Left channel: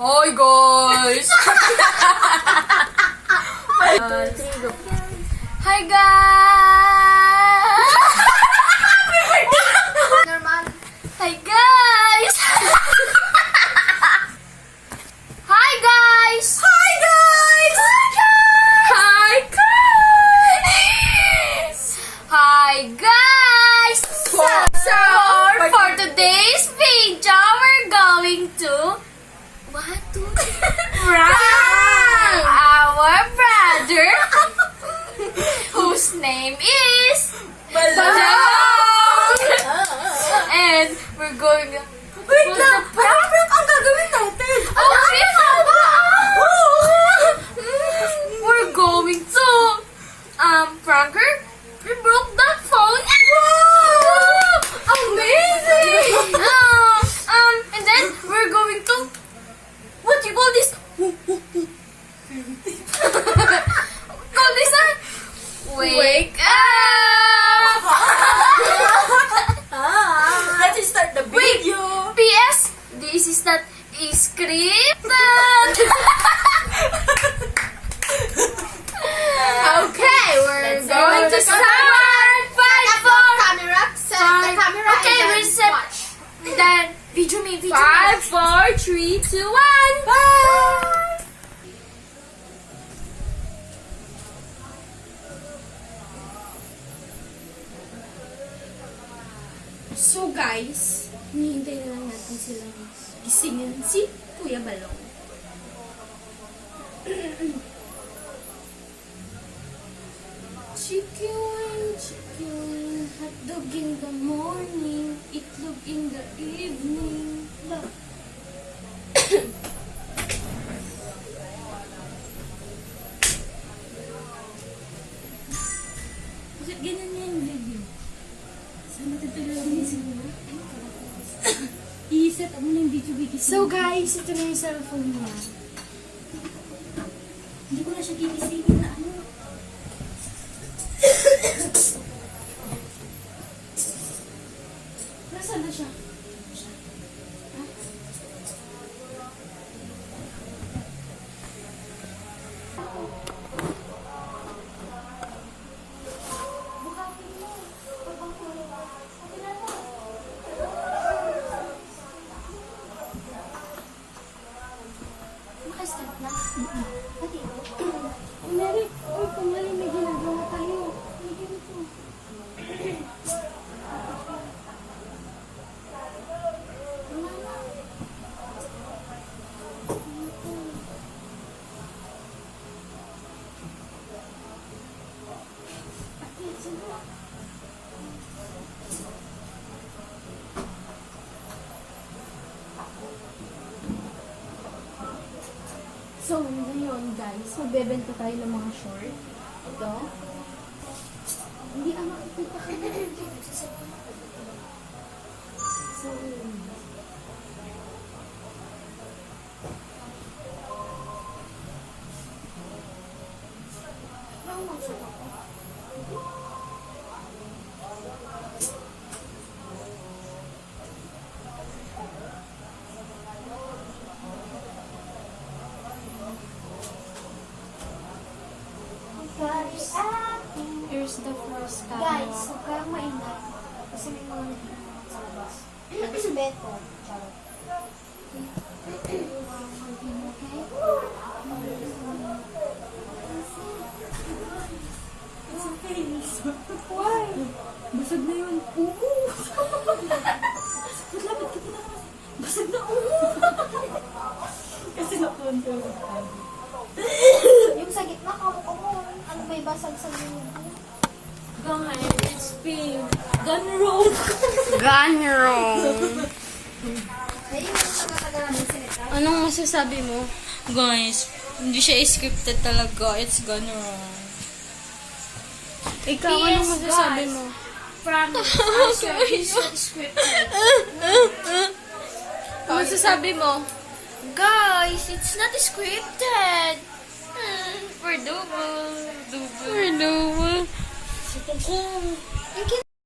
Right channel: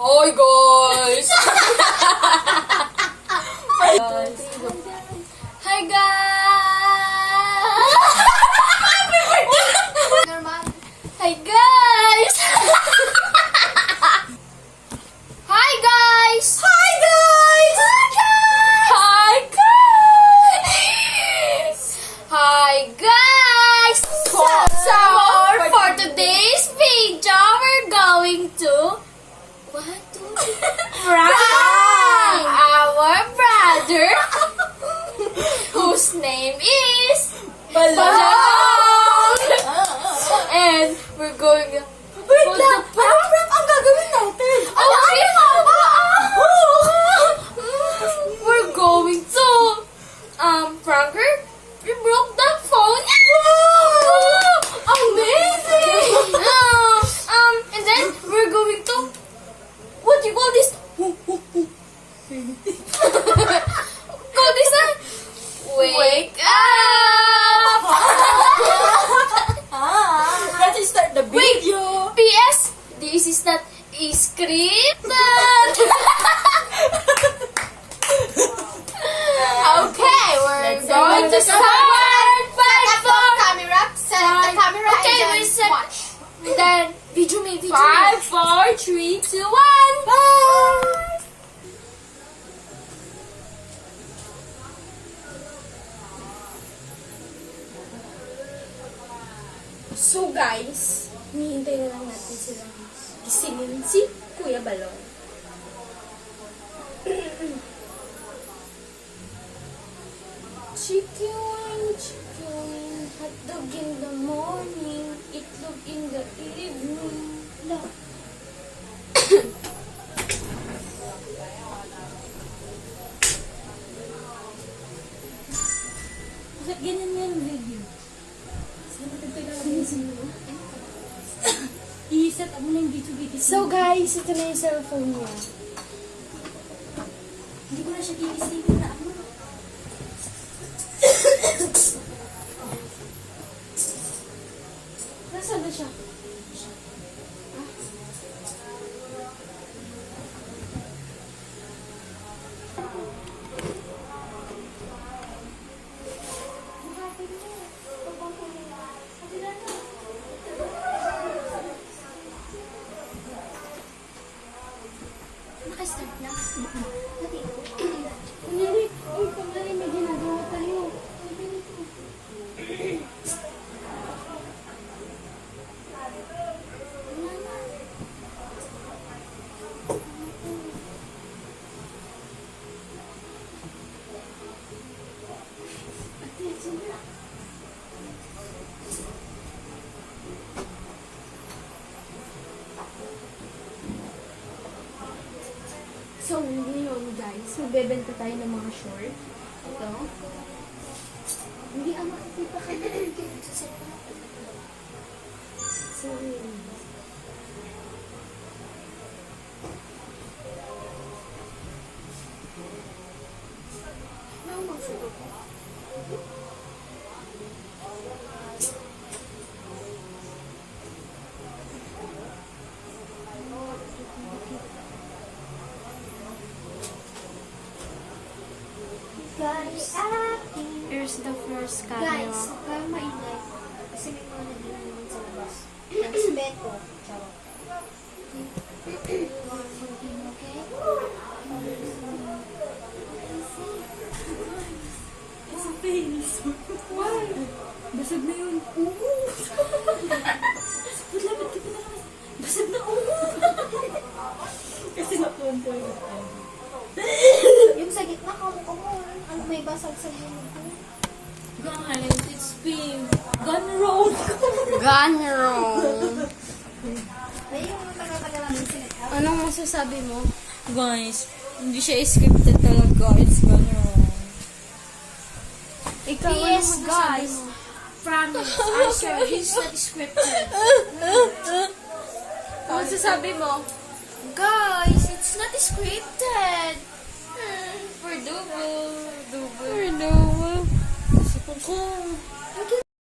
Hi guys! Hi guys! Hi guys! Hi guys! Hi guys! Hi guys! Hi guys! So for today's video, we're going to prank our brother whose name is Balong. And we're going to... Wait lang! Prank ang gagawin natin! Okay, mama! We're going to... prank her. We broke the phone. Wow! Amazing! And then we're going to... What do you call this? Call this wake up! Let's start the video! P.S. This is not scripted. Okay, we're going to start. 5, 4, Camera, set the camera okay, and we're set. watch. Then, video me. 5, 4, 3, 2, 1. Bye! So guys, hinihintay na lang natin silang gisingin si Kuya Balong. Chicken, hotdog in the morning, itlog in the evening. Bakit ganyan yung video? I-set up mo na yung video. So guys, ito na yung cellphone niya. Hindi ko na siya gigisingin na ano. Nasaan na siya? Start na. Okay. Kunyari, kunyari may ginagawa tayo. Ay, ganito. So, ngayon guys, magbebenta tayo ng mga short. Ito. Hindi makikita ka na. So, Ano bang suto ko? Guys, Here's the first camera. guys, huwag kayong maingay. Kasi may mga nag-inom naman sa labas. Respeto. Charot. Mag-inom, okay? it's a face. Why? Basag na yun. Oo. Lapit ka pa naman. Basag na Kasi napunta ko tayo. Yung sa gitna, kamo. Ano may basag-sag yun? Guys, it's pink. Gun road. Gone wrong. Ayun, yung taga-taga namin sinita. Anong masasabi mo? Guys, hindi siya scripted talaga. It's gone wrong. Ikaw, anong masasabi mo? Promise. I swear it's not scripted. Ano masasabi mo? Guys, it's not scripted. For double. For double.